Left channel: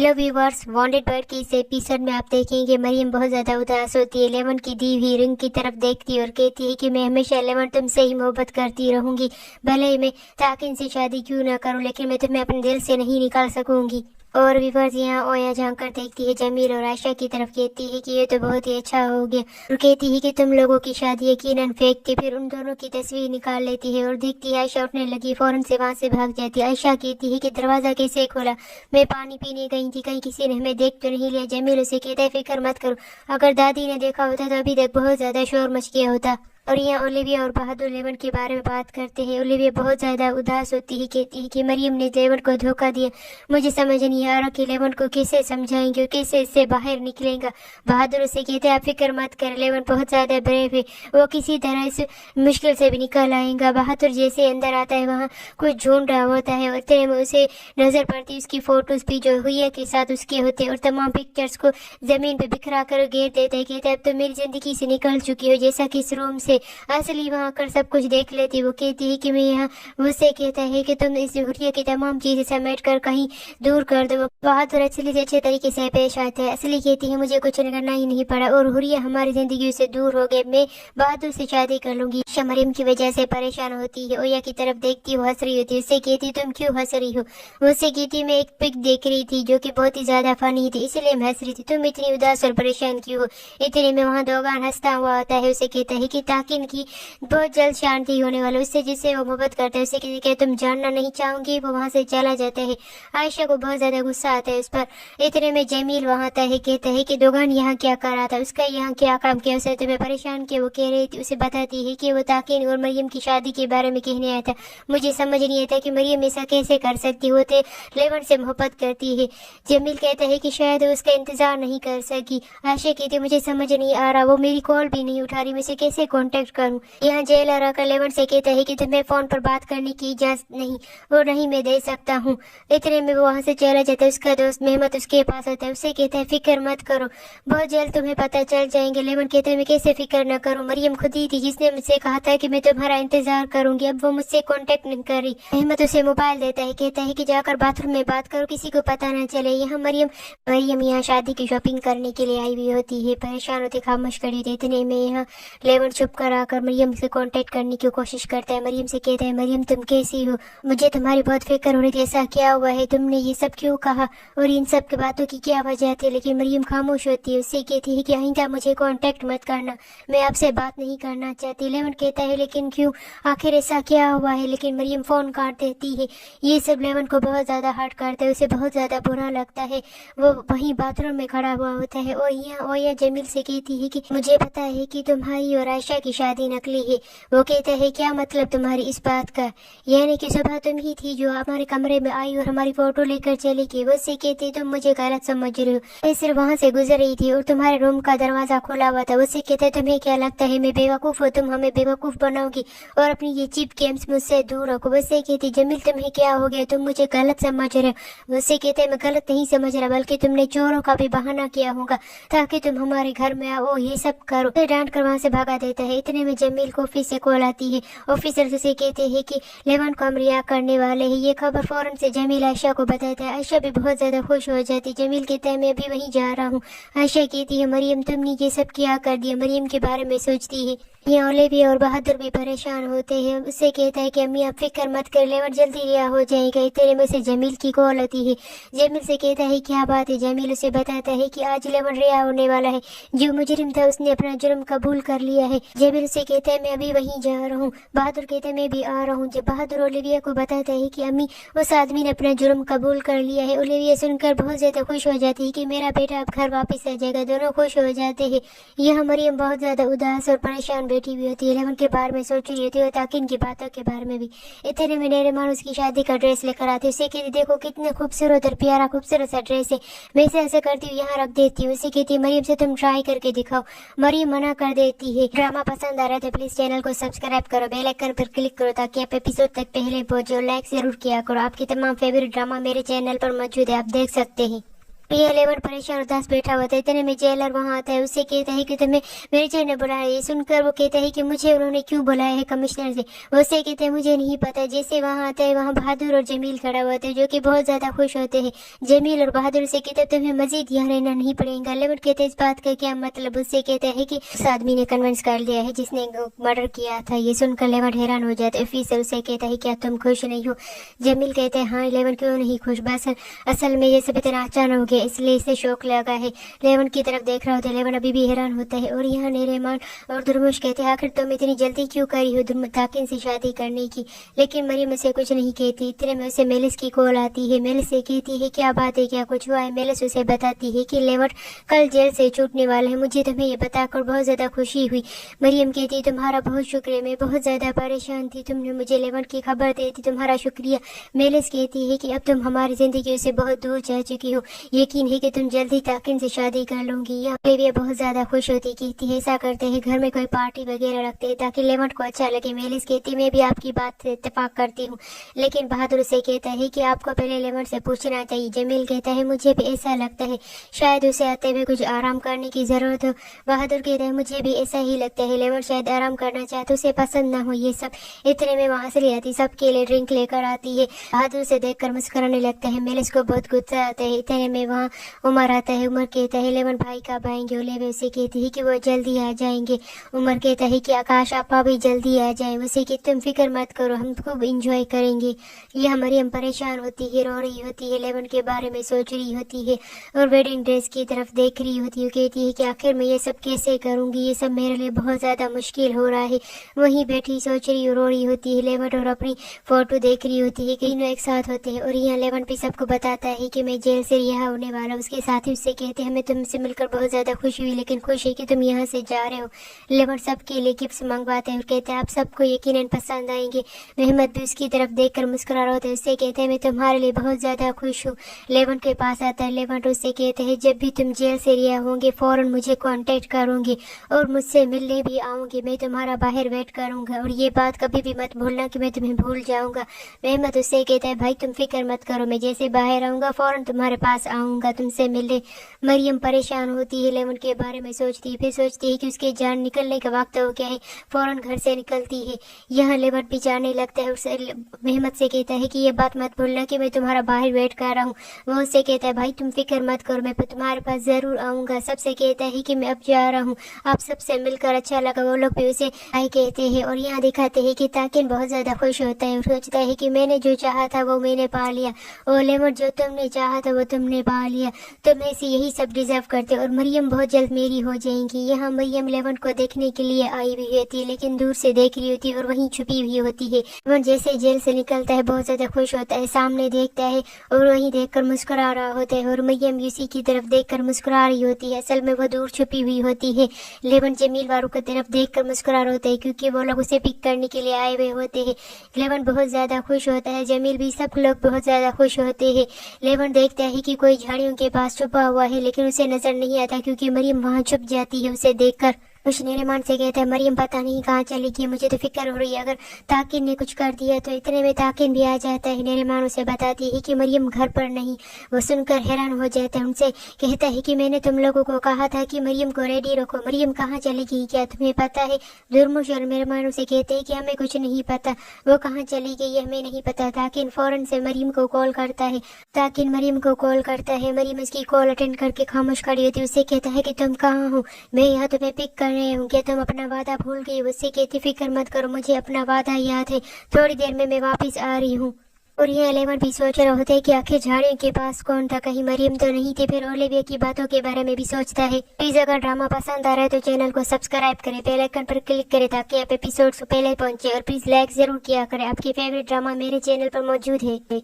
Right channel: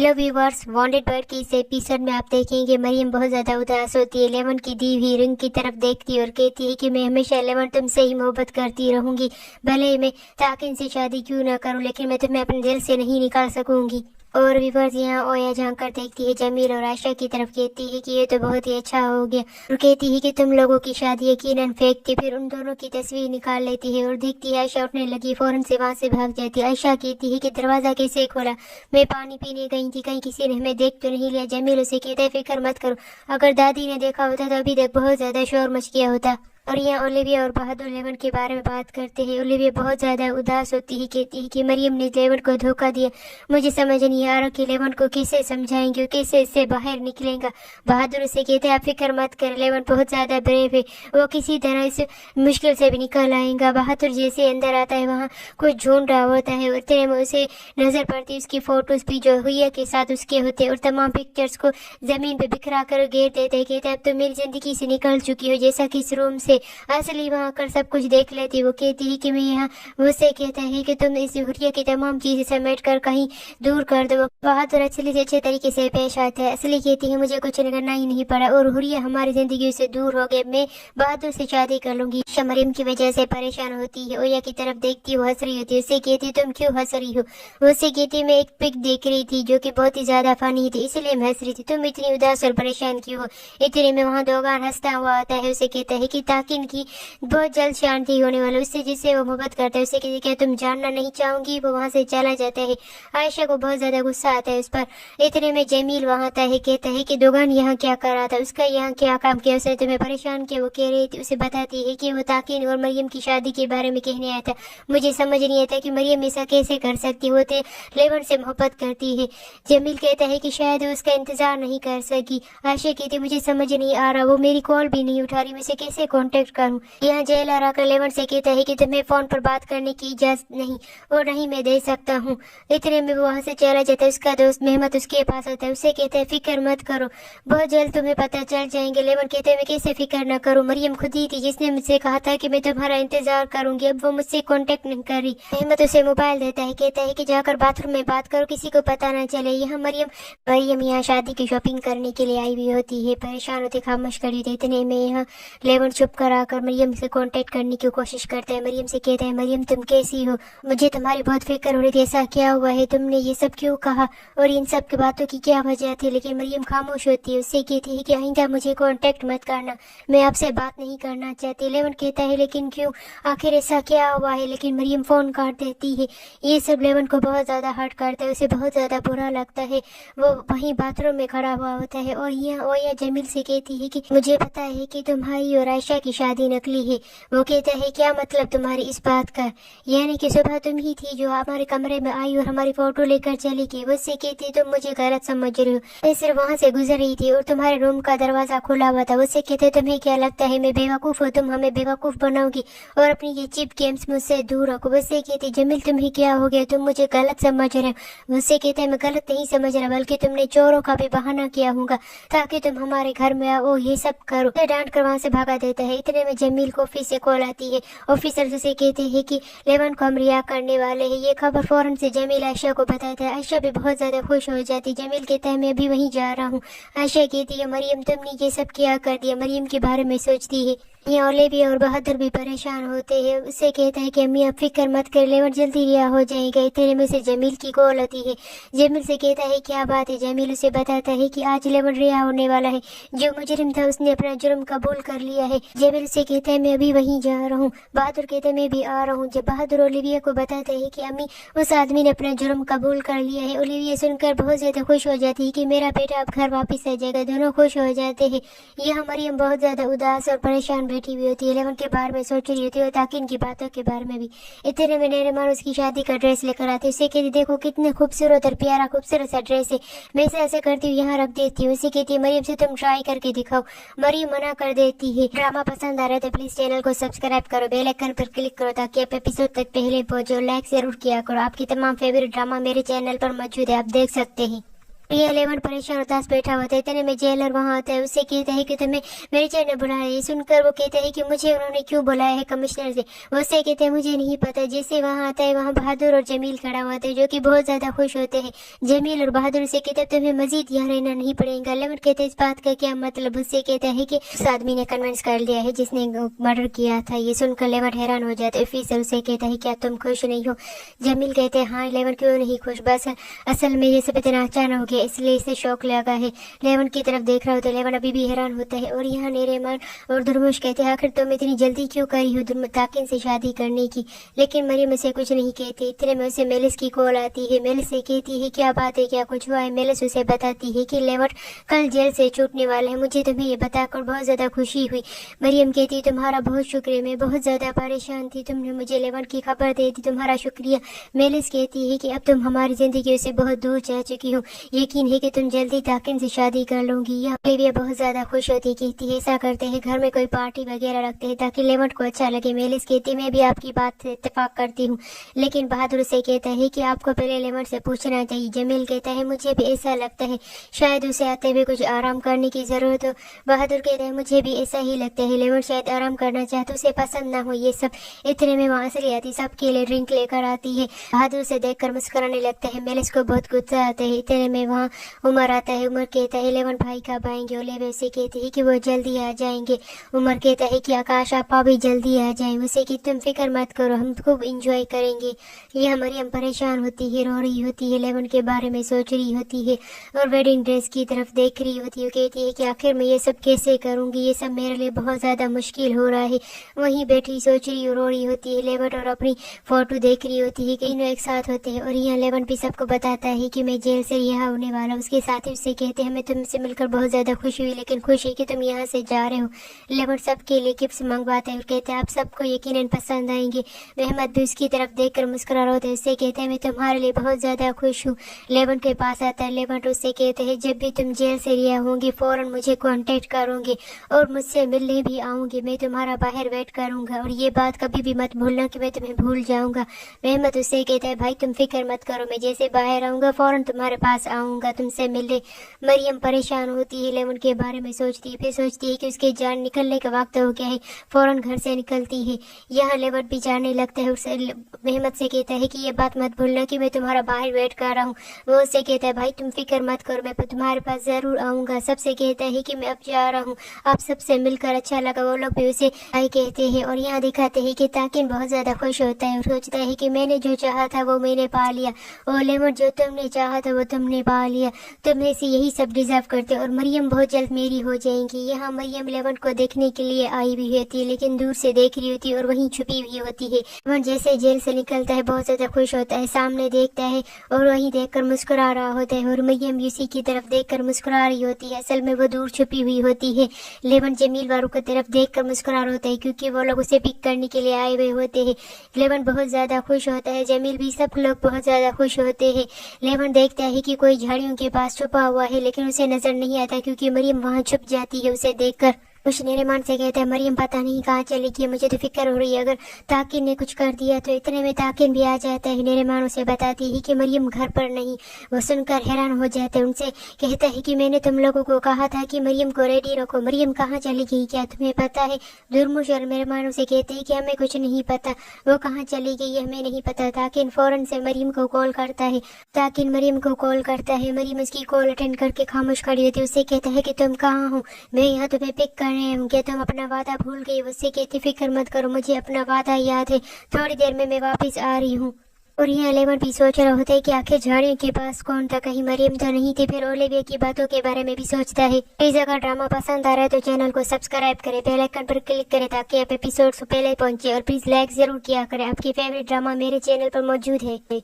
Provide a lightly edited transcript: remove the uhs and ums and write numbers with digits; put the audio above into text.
Hello viewers, wanted bird की इस episode में आप देखेंगे मरियम बहुत ज़्यादा उदास होती है। लेमन की दी हुई रिंग की तरफ देखती है और कहती है कि मैं हमेशा लेमन तुमसे ही मोहब्बत करती रहूंगी, भले ही मैं ताकिन से शादी क्यों ना करूं, लेकिन मैं तुम्हें अपने दिल से नहीं निकाल सकूंगी। और व्यूवर्स यहाँ ओया झांक कर देखती है जमील और आयशा की तरफ, कहती है कि ये तो बहुत ही अच्छा हो गया और कहती है कि तुम लोगों की शादी यकीनन फेक थी। फिर उन दोनों की तस्वीर निकाल लेती है और देखती है आयशा उठने लगी, फौरन से वहाँ से भाग जाती है। आयशा कहती है कि दरवाजा कैसे खोला, मैं पानी पीने गई थी, कहीं किसी ने हमें देख तो नहीं लिया। जमील उसे कहता है फिक्र मत करो, अगर दादी ने देखा होता तो अभी तक बहुत ज्यादा शोर मच गया होता। और यहाँ ओलिविया और बहादुर लेमन के बारे में बात करते हैं। ओलिविया बहुत ज्यादा उदास होती है, कहती है कि मरियम ने लेमन को धोखा दिया, मुझे समझ नहीं आ रहा कि लेमन को कैसे समझाएंगे और कैसे इससे बाहर निकलेगा। बहादुर उसे कहते हैं आप फिक्र मत कर, लेमन बहुत ज्यादा ब्रेव है, वो किसी तरह इस मुश्किल से भी निकल आएगा। बहादुर जैसे अंदर आता है वहाँ कुछ ढूंढ रहा होता है और इतने में उसे नजर पड़ती है उसकी फोटोज भी जो हुआ के साथ उसके होते और तमाम पिक्चर्स को जमीन पे बिखरा कर घेर देते हैं। कहते अब तो मेरी जिंदगी से निकल चुकी हो, जैसा कि इस रूम से असली वहाँ आकर सब कुछ देख लेती। वो कहती है कि मैं यहाँ, मुझसे कहता है कि तुम इस हुरिया की तमाम चीजें समेट कर कहीं दूर कर दो। बहादुर असली से अच्छे तरीके से पेश आते हैं। असली कहती है मुझे कुछ करना ही नहीं पड़ा और हुरिया हमारी जिंदगी से दूर हो गए, मैं बहादुर से शादी कर लूंगी। मरियम की वजह से परेशान होती है, ओया की तरफ देखती है, हंस रही होती है। उससे कहती तुम क्यों हंस रही हो, उससे कहती मैं एक पिक देख रही थी जो कि बहुत ही ज्यादा फनी थी, इसलिए मैं हंस रही थी, तुम इतनी उदास और परेशान क्यों हो। इतने में वहाँ दोगान हंसता हुआ आता है। उसे कहता है कि ताकिन की बहुत जल्द शांति होने वाली, उससे जिससे वो मोहब्बत करता है। उससे कहती है तुम जानना नहीं चाहूंगी। वो वहाँ से चला जाता है। आयशा को बहुत ज्यादा गुस्सा आता है उस पर। इतने में जमील वहाँ आता है, कहता है कि दोगान यहाँ क्या कर रहा था, उसका यहाँ क्या काम किया, उसे तुम्हें परेशान किया। वो कह रही थी, उसे बताती है कि वो ताकिन और मरियम की शादी के बारे में कहने आया था। मुझे समझ नहीं आता कि मरियम ऐसा कैसे कर सकती, वो तो लेमन से मोहब्बत करती है। जमील कहता है कि शायद वो उसका इंतजार नहीं कर सकी। आयशा कहती है मुझे समझ नहीं आ रहा, वो मेरी कॉल भी नहीं उठा रही, मैं उसे कैसे कॉन्टेक्ट करूँ। यहाँ जेलर आकर लेमन से कहता है कि तुम्हें फोन पर बात करने की इजाजत नहीं और नहीं मैं दे सकता हूँ। इतने में वो वहाँ से चला जाता है। उसका दोस्त मेहमत उसके पास आता है। उससे कहता है फिक्र मत करो, बहुत जल्द तुम्हें पता चल जाएंगे। लेमन कहते हैं मैं कैसे फिक्र न करूँ, मरियम खुद ही थी जिसने मुझसे कहा था कि मैं तुम्हारा इंतजार करूंगी, अब वो मुझसे कांटेक्ट नहीं कर रही। मेहमत उसे मोबाइल देता है, कहता है कि जाकर बाथरूम में बात करो, किसी को पता न चले। यहाँ मरियम यहाँ शादी की शॉपिंग करने के लिए आई हुई होती है, परेशान होती खामोश खड़ी थी। इतने में यहाँ लेमन चुप कर आकर मरियम से कांटेक्ट करने की कोशिश करता है। मरियम से कहता है मरियम तुम कैसी हो, मुझे तुम्हारी बहुत फिक्र हो रही थी, ऐसा क्या हुआ है, तुमने ये सब क्यों कहा और इन सब की बातों की क्या वजह थी। लेकिन मरियम खामोश होती है। उससे कहती है कि आइंदा मुझे कांटेक्ट मत करना, मैं आपसे बात नहीं करना चाहती। लेमन कहता है लेकिन क्यों, आखिर ऐसा क्या हुआ है। लेकिन मरियम फोन काट देती है। ये सब लेमन को बहुत ज्यादा हर्ट करता है, उसे बहुत ज्यादा बुरा लगता है। वो वहीं बाथरूम में खड़ा हुआ होता है और यहाँ ओया जमील से कहती है कि मुझे पता है कि तुम्हारी और आयशा की शादी नकली है। वो कहता है क्या मतलब तुम्हारी इस बात का, यानी कि सुबह तुम ही थी जो हमारे कमरे में आई और हमारी फोटो लेकर चली गई। वो उससे कहती तुम मुझे गलत समझ रहे हो, मैं सिर्फ वहाँ से गुजर रही थी और तुम्हारे रूम का दरवाजा खुला हुआ था। उससे कहते तुम्हें क्या लगता है मैं बेवकूफ हूँ, तुम हमें बेवकूफ बनाओगी और अपनी ये चिप गेम्स मुझसे दूर रखो। वैसे कहती जमील तुम्हें क्या हो गया, तुम मुझे गलत समझ रहे हो। उससे कहते मैं गलत नहीं समझ रहा, बल्कि तुमने चोरों का भी बहाना किया होगा ताकि तुम हमारे घर में आओ, ये सब करो। डांट कर वहाँ से भगा देता है। इतने में जमील को ऑफिस से कॉल आती है। ऑफिसर उसे कहते हैं कि लेमन को हम रिहा करने वाले हैं। ये खबर फौरन से जमील आयशा को बताता है। आयशा भी बहुत ज्यादा खुश हो जाती। जमील कहता है मैं अभी वहीं जा रहा हूँ। आयशा कहती है मरियम तुमने ये सब क्या कर दिया, मरियम के बारे में सोचती है। यहाँ ओलिविया और बहादुर भी परेशान होते हैं। उससे कहता है कि अम्मी आप फिक्र मत कर, लेमन जल्दी रिहा हो जाएगा। इतने में से जमील की कॉल आती है। जमील से कहता है क्या बात है। जमील उसे बताता है कि आज लेमन रिहा होने वाला है, जो मुजरिम था उसने अपना जुर्म कबूल कर लिया है। जमील से कहता है मैं अभी वहीं जा रहा हूँ। बहादुर कहता है मैं भी आ रहा हूँ। जब बहादुर ओलिविया को बताता है कि अम्मी उस आदमी ने अपना जुर्म कबूल कर लिया है, ओलिविया सुनकर बहुत ज्यादा खुश हो जाती है कि मेरा बेटा अब घर वापस आ जाएगा। दोनों खुश हो जाते हैं। यहाँ मरियम बहुत ज्यादा उदास और परेशान बैठी हुई होती है, लेमन के बारे में सोच रही होती है, ताकि इनकी बातों के बारे में भी। इतने में नरीमान उसकी शादी का ड्रेस लेकर आते। उसे कहती देखो कितने खूबसूरत और प्यारा खूबसूरत सा ड्रेस है, मैं इसे ऐसा करती हूँ यहाँ रख देती हूँ। उसे कहती है मरियम से तुम ट्राई करके दिखाओ। मरियम मना कर देती है। ड्रामा पसंद आ रहा है तो प्लीज चैनल को सब्सक्राइब करो, बेल आइकन पर क्लिक करो ताकि आप एपिसोड तक पहले पहुंचो। लाइक जरूर किया करो। आपकी तमाम फेवरेट ड्रामा मेरे चैनल पर मौजूद है, आप देख सकते हैं। ये 11 परेशान उदास बैठा होता है। इतने में जेलर वहाँ आता है, उससे कहता है कि तुम्हें मैनेजर ने बुलाया। ये सुनकर वो कहता है कि मुझे उन्होंने क्यों बुलाया है कमिश्नर से। उससे कहते हैं मुझे नहीं पता। जैसे वहाँ आता है वहाँ बहादुर और जमील खड़ा होते हैं जो कि बहुत ज्यादा खुश होते हैं। जमील और बहादुर से कहते हैं तुम्हें मजीद यहाँ रहना नहीं पड़ेगा। 11 कहते हैं इस बात का क्या मतलब। उससे कहता है कि उस आदमी ने कन्विंस कर लिया है जिसने मर्डर किया था। ये सुनकर 11 हैरान हो जाता है। फिर से उसे कहता है क्या तुम खुश नहीं हो। जमील कहते हैं हाँ 11 क्यों नहीं खुश, बस असल में ये सब इतना अचानक हो गया इसलिए इसे शौक लगा है। 11 की तरफ देख रहा होता है। 11 अभी भी हैरान होता है। और यहाँ नरीमान और दुर्मुश कहते हैं आखिर तुम इतनी जल्दी क्यों करी हो ताकिन से शादी करने की। लेकिन मरियम उसे कुछ नहीं कहती। इतने में उसे मेलिस की कॉल आती है। मेलिस से कहती है क्या बात है, क्या कुछ हुआ है। मेलिस उसे बताती है कि 11 कल जेल से छूटने वाला है। मुझे तुम्हें ये बताकर बहुत ज्यादा खुशी हुई। मरियम कहती है तुम्हारा बहुत शुक्रिया, मैं बहुत ज्यादा परेशान थी, तुमने मुझे 11 की खबर दे दी, तुम्हारा शुक्रिया। मेलिस कहती है कि अब तुम हमारी जिंदगी से बहुत दूर जा चुकी हो, यकीन है कि तुम जल्दी ताकिन से शादी कर लोगी। यहाँ पे बहुत ज्यादा खुश होती, कहती है ऐसा करते हैं घर में कोई पार्टी वगैरह रखते हैं ताकि 11 को अच्छा लगे। मेलिस कहती मैं भी आपकी बात से इत्तेफाक करती हूँ, लेकिन बहादुर से कहता है कि आपको पहले 11 से पूछना चाहिए। जमील कहता है मुझे भी ऐसा लगता है, शायद उसे आते हुए कुछ आराम करने की जरूरत हो। बहादुर कहता है मुझे भी ऐसा ही लगता है, 11 शायद आराम करना चाहते, उसे पसंद ना हो ये सब। इतने में वहाँ असली आती सबके लिए ड्रिंक लेकर आती है। बहादुर से देखकर मुस्कुराने लगता है। मेलिस को बहुत गुस्सा आता है। इतने में वहाँ उमर आता है। उमर कहता है 11 भाई कब आएंगे। ओलेवे उसे कहती है कि वो जल्दी आ जाएंगे। उमर कहता है कि आकाश आपा भी जल्दी आ जाए। उसे कि तुम फिक्र मत करो, हम खूब इंजॉय करेंगे। यह मरियम परेशान होती है, रो रही होती है, 11 के बारे में सोच रही होती है और वेडिंग ड्रेस की तरफ देख रही होती है। कहती है कि आखिर मैं ये सब कैसे करूंगी, ये सब मेरे लिए बहुत ज्यादा मुश्किल हो रहा है। वहीं बैठी सोच रही रो रही होती है 11 और अपनी फोटो देख रही होती है कि तीनों एक साथ होते हैं। और यहाँ 11 भी सबको बताता है कि मैं जेल से रिहा होने वाला। उसके साथ ही उससे कहते हैं मैं तुमसे मिलकर बहुत ज्यादा खुश हुई, लेकिन खुश है कि तुम यहाँ से जा रहे हो। 11 सबके लिए गिफ्ट मंगवाते हैं और कहते हैं आप सबको यकीनन पसंद आएंगे। मेहमद भी उसकी तरफ देखकर मुस्कुरा रहा होता है। उससे कहते हैं मैं तुम्हारे लिए बहुत ज्यादा खुश हूँ। 11 के पास आता है। 11 उससे कहते हैं जब भी तुम जेल से रिहा होंगे फौरन मुझे कांटेक्ट करोगे और मुझसे मिलने भी आओगे। मैं तुम्हारा बाहर वेट करूंगा और ये बात कभी भी मत भूलना कि मैं तुम्हें भूल जाऊंगा। मेहमद उससे कहता है भाई तुम फिक्र मत करो, मैं जैसे बाहर आऊंगा फौरन तुम्हारे पास आऊंगा तुमसे मिलने। मरियम परेशान होती है, 11 के बारे में सोचती है, फिर सोचती है कि उसकी जान निकलने का वक्त हो गया है, फौरन घर से निकलती है। यहाँ 11 भी जाने लगता है। उससे मेहमद से कहता है कि ये बात मत भूलना कि मैं तुम्हारा बाहर वेट कर रहा हूँ। वो उससे कहता है भाई तुम फिक्र मत करो, मैं तुम्हारे पास जरूर आऊंगा। सबसे कहता है कि मैं अब जा रहा हूँ, आप सबसे मिलकर अच्छा लगा। वो लोग भी उसे बाय कहते हैं और यहाँ दिखाते हैं कि ताकिन बहुत ज्यादा खुश होता है और सोचता है कि मैंने जो चाहा था वो मैंने पा लिया। और 11 जो तुमने चाहा था वो तुमने पा लिया, तुम्हें से यही सब डिजर्व करते और मरियम बहुत जल्द मेरी हो जाएंगी। यहाँ मरियम 11 को देखने के लिए आई हुई होती है, लेकिन दूर से देख रही होती है और वहीं छुपी हुई होती है। 11 जैसे जेल से निकलता है बहुत ज्यादा खुश होता है, सामने देखता है और वहीं देखकर मुस्कुरा रहा होता है और मरियम उसी की तरफ देखकर मुस्कुरा रही होती है। असल में वो दूर छुपी हुई होती है। 11 जमील वालों की तरफ देखकर मुस्कुरा रहा होता है क्योंकि वो लोग उसे पिक करने के लिए आए हुए होते हैं। 11 बहुत ज्यादा खुश होता है, जमील भी, सब लोग बहुत ज्यादा खुश होते हैं। 11 देखता है कि कोई झाड़ियों के पास छुपा हुआ है, लेकिन उसे नजर नहीं आता क्योंकि मरियम वहाँ छुप जाती है उसे देखकर। कुछ नरीमान से कहता है मरियम पता नहीं कहाँ चली गई, मुझे तो फिक्र हो रही है अगर ताकिन ने कुछ कर दिया तो। इतने में ताकिन भी आ जाता है। नरीमान उसे बताती है कि मरियम घर पर नहीं। वो सुनकर हैरान हो जाता है। उनसे कहता है कि मैंने तुम लोगों को कहा था कि मरियम को रेडी रखो, मरियम कहाँ चली गई, क्या तुम्हें पता है। दुर्मुश और नरीमान उसे कहते हैं कि हमें कुछ नहीं पता, वो कहाँ चली गई हमें नहीं पता। ताकिन फौरन से मरियम को कॉल करता है। ताकिन मरियम को कॉल करता है। मरियम उसकी कॉल अटेंड करके खामोश खड़ी होती है। उससे कहता है कि तुम कहाँ हो, मैं यहाँ तुम्हें पिक कर रहे हूँ, क्या तुम अपना वादा भूल गई। उससे कहती फिक्र मत करो, मुझे अपना वादा याद है, थोड़ी देर में मैं वापस आ रही हूँ। और यहाँ 11 भी सोच रहा होता है कि आखिर झाड़ियों के पास कौन था, कहीं मरियम तो नहीं थी। फिर ओलिविया की बातों के बारे में भी सोचता है। प्लीज अगर ड्रामा पसंद आ रहा है तो चैनल को सब्सक्राइब करें, बेल आइकन पर क्लिक करें ताकि आप एपिसोड्स पहले पहुंचे और प्लीज लाइक जरूर किया करें। आपकी फेवरेट ड्रामा मेरे चैनल पर मौजूद है।